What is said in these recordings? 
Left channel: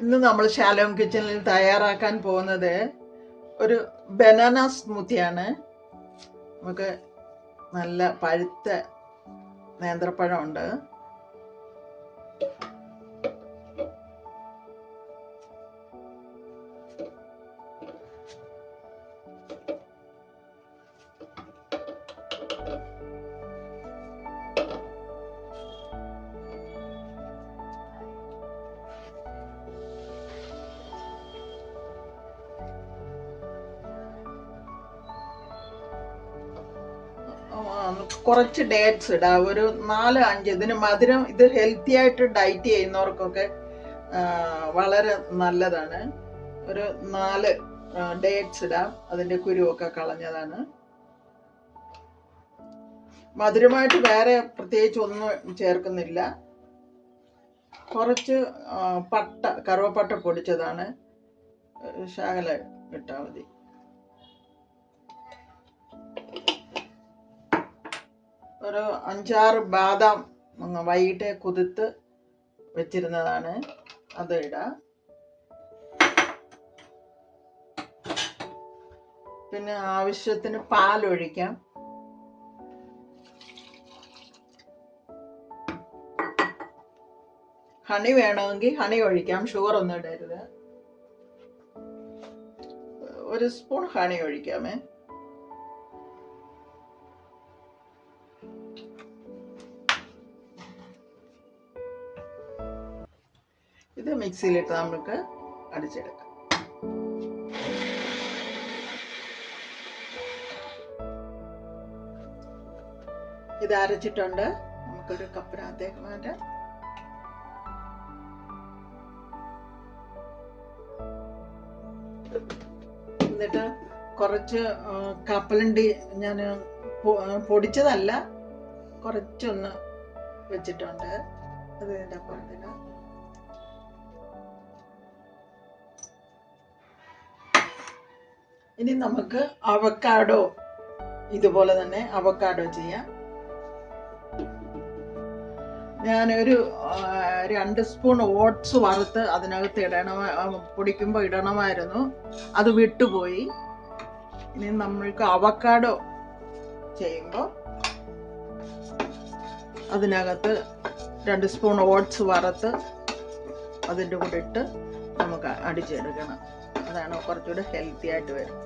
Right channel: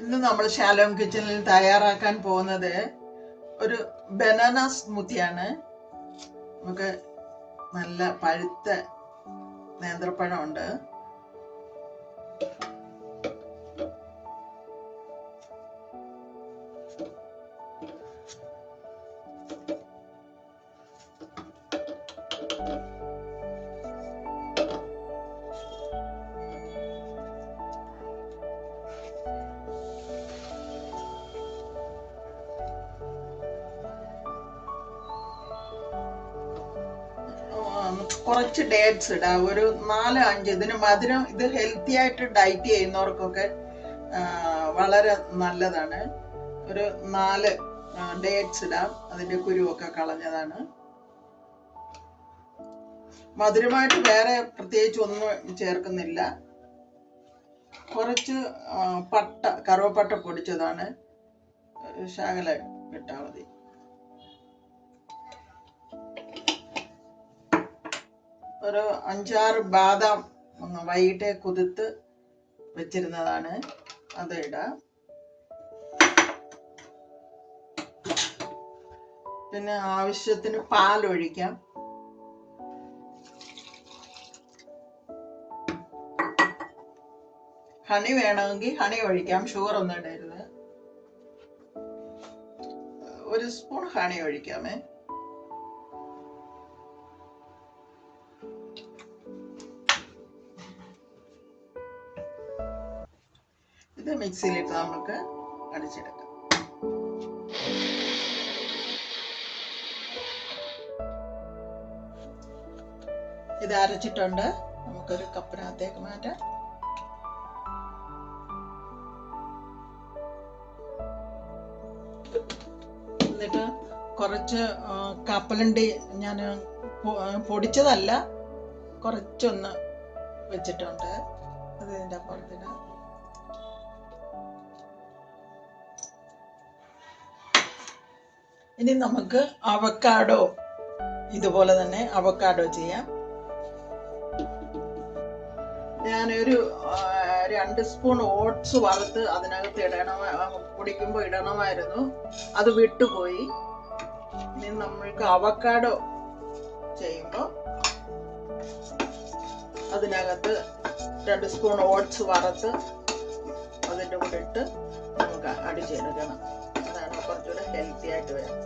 ഇന്ന് നമ്മൾ ശാലോം കിച്ചണിൽ തയ്യാറാക്കാൻ പോകുന്നത് ഒരു ബനാന സ്മൂത്തിയാണ്. നമുക്ക് നല്ല പഴുത്ത നേന്ത്രപ്പഴമുണ്ട്. കുറച്ച് ഡേറ്റ്സ് ഇടാം, ഒരു 4-5. ഇതിന് മധുരം, ഇത് ഹെൽത്തി ആയിട്ട് ഡയറ്റ് ചെയ്യുന്നവർക്കൊക്കെ വളരെ നല്ലതാണ്. ഒരു 4 ഡേറ്റ്സ് ഇടാം, അതിൻ്റെ കുരുവൊക്കെ കളഞ്ഞതാണ്. മധുരമായിട്ട് വേറെ പ്രത്യേകിച്ച് ഒന്നും ചേർക്കുന്നില്ല. കുറച്ച് കറുവപ്പട്ട പൊടിച്ചതാണ്, ശകല ഇട്ടാൽ മതി. ഒരു 5-6 ബാദാം വൈകിട്ട് കുതിർത്ത് വെച്ചിരുന്നതാണ്, അത് ഇടാം. പിന്നെ ആവശ്യത്തിന് പാലൊഴിക്കാം. ഹണി വേണമെങ്കിൽ ഹണി ഒഴിക്കാം, ഷുഗർ ഒന്നും ഇടരുത്. 1 സ്പൂൺ ഹണി ഒഴിക്കാമേ. ഇത് മിക്സിയിലിട്ട് നമുക്ക് അടിച്ചെടുക്കാം. ഇത് അരച്ചിട്ടുണ്ട്, നമുക്കൊരു കപ്പിനകത്തേക്ക് മാറ്റാം. എന്നിട്ട് കുറച്ച് കപ്പലണ്ടി ഞാൻ പൊടിച്ചതല്ല, കുറച്ചൊന്ന് വെച്ചിട്ടുണ്ട്, അത് ഇതിൻ്റെ അപ്പുറത്തിടാം. ഇനി നമുക്ക് അവക്കാഡോ, ഇതുപോലെ തന്നെ അവക്കാഡോ ചെയ്യാം. ഞാനൊരു 2 സ്പൂൺ ഓട്സ് വറുത്ത് അതിനകത്ത് പൊടിക്കുമ്പോൾ ഇടണമായിരുന്നു, അത് വിട്ടുപോയി. ഇനി നമ്മൾക്ക് അവക്കാഡോ ചെയ്യുമ്പോൾ അതിനകത്ത് 2 സ്പൂൺ ഓട്സ് വറുത്ത് അതിൻ്റെ കൂടെ ഇട്ട് നമുക്ക് അടിച്ചെടുക്കണം. അതാണ് കുറച്ചുകൂടെ ഹെൽത്തി ആയിട്ട് വരും.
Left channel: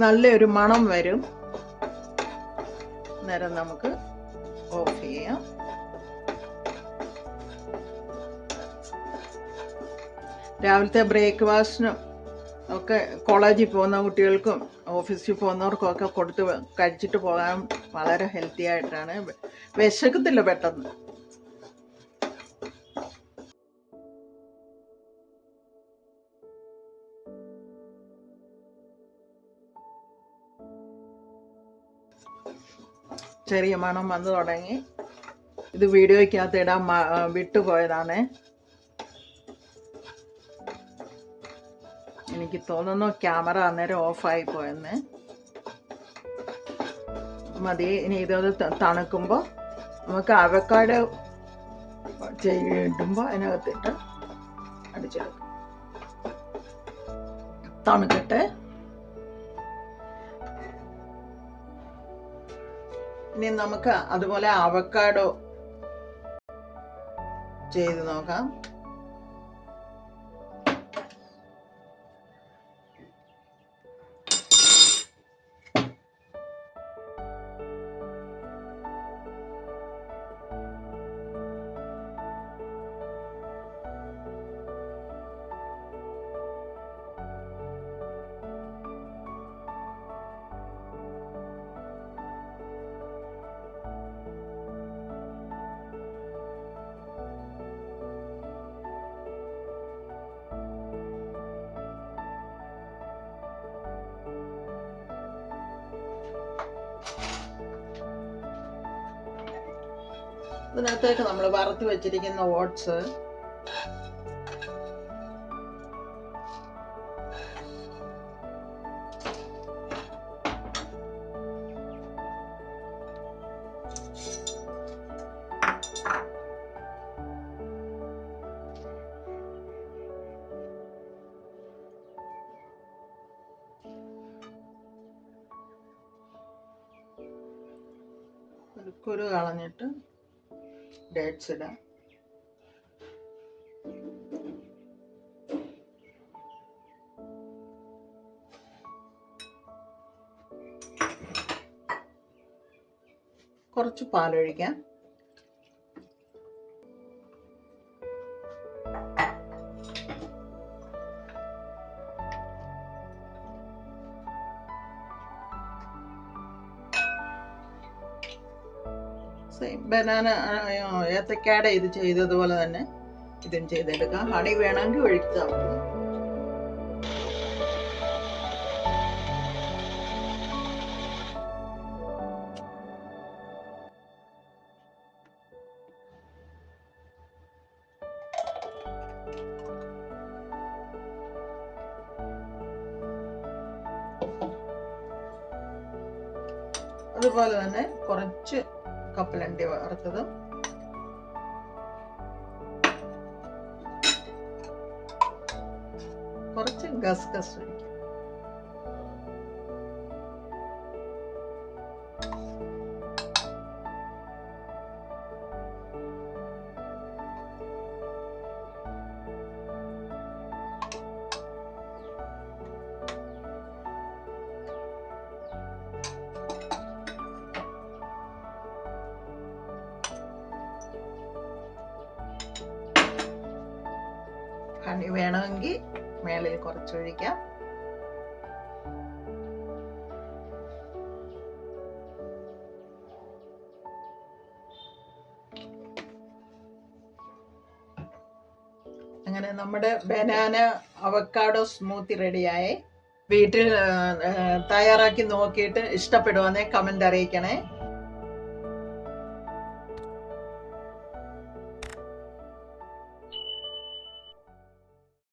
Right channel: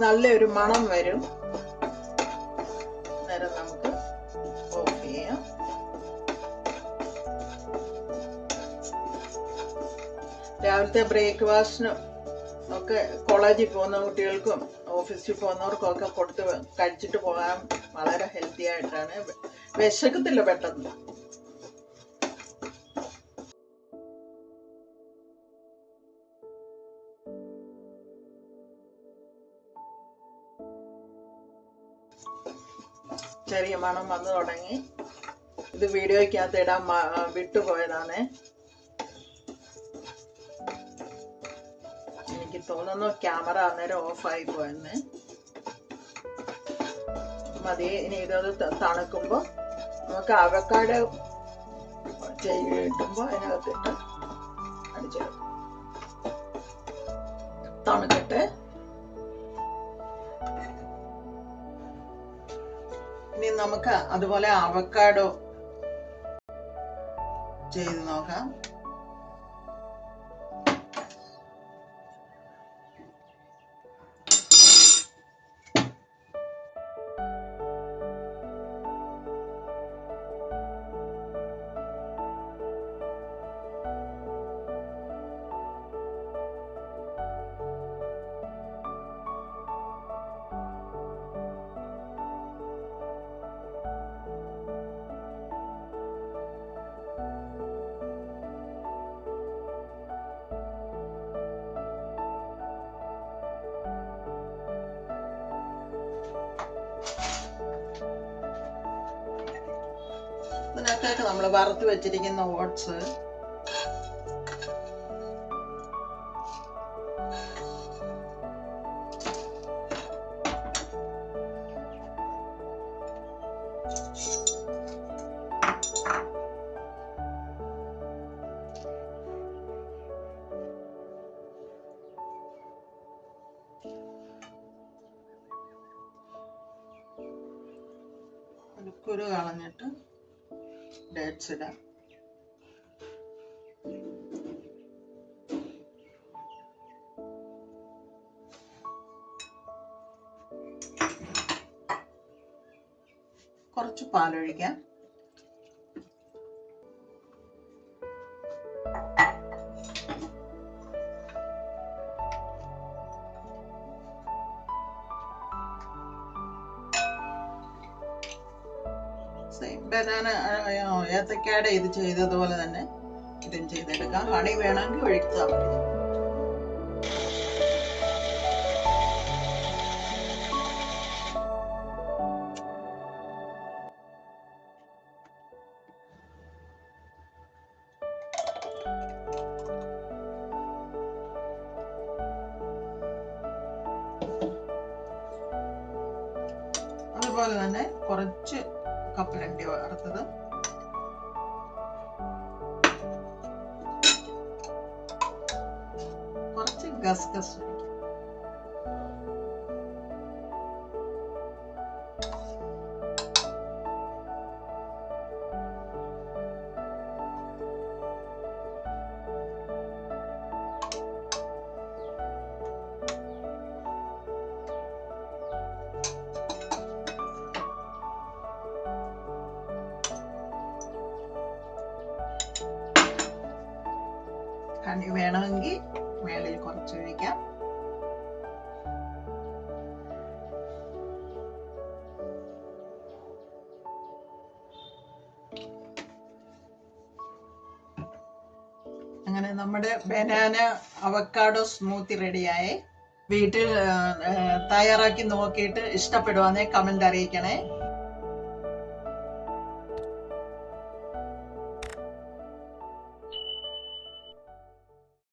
നല്ലൊരു മണം വരും. നേരം നമുക്ക് ഓഫ് ചെയ്യാം. രാവിലത്തെ ബ്രേക്ക്ഫാസ്റ്റിന് ഒക്കെ കോളേജിൽ പോകുന്ന കുട്ടികൾക്കും ഓഫീസിൽ പോകുന്നവർക്കും ഒക്കെ കൊടുത്ത് കഴിച്ചിട്ട് പോകാൻ വളരെ ഹെൽത്തി ആയിട്ടാണ്. വിശക്കത്തില്ല പെട്ടെന്ന്. ചെറിയ മണം വന്നു തുടങ്ങി. ഇത് വീഡിയോയ്ക്കകത്ത് ഇടാൻ വിട്ടുപോയതാണ്. എനിക്ക് തോന്നുന്നു ക്യാമറ അന്നേരം ഓഫായി പോയെന്ന്. മതി. ഇനി ഇതത് തണുക്കുമ്പോൾ നമുക്ക് അവക്കാഡോ ഇടുമ്പോൾ അതിനകത്തിട്ട് അടിച്ചെടുക്കും. തണുക്കട്ടെ. ഇനി നമുക്ക് അതുപോലെ അവക്കാഡോ ചെയ്ത് നോക്കാം. ഇതിനകത്തേക്ക് നമ്മൾ വറുത്ത് വെച്ചിരിക്കുന്ന ഓട്സ് കുരു കളഞ്ഞിട്ട് ഡേറ്റ്സ് ഇടാം. കുറച്ച് പാലൊഴിക്കാം. ബനാന ഏത്തക്കാടെ ഇത് ചെയ്തതുപോലെ തന്നെ ഇതും ചെയ്തെടുക്കാം. ഹണി വേണമെങ്കിൽ ഒഴിച്ചാൽ മതി. അതുപോലെ തന്നെ കുറച്ച് കപ്പലണ്ടി വറുത്തതും കുറച്ച് ഗസ്ഗസ് ഒഴിക്കും. ഹണി വേണമെങ്കിൽ മേളിൽ കുറച്ചൊഴിക്കാം. അങ്ങനെ നമ്മുടെ ബനാന അവക്കാഡോ സ്മൂത്തി റെഡിയായി. വീട്ടിൽ തയ്യാറാക്കി നോക്കിയിട്ട് ഇഷ്ടപ്പെടുവാന്നെ കമന്റ് അറിയിക്കണേ.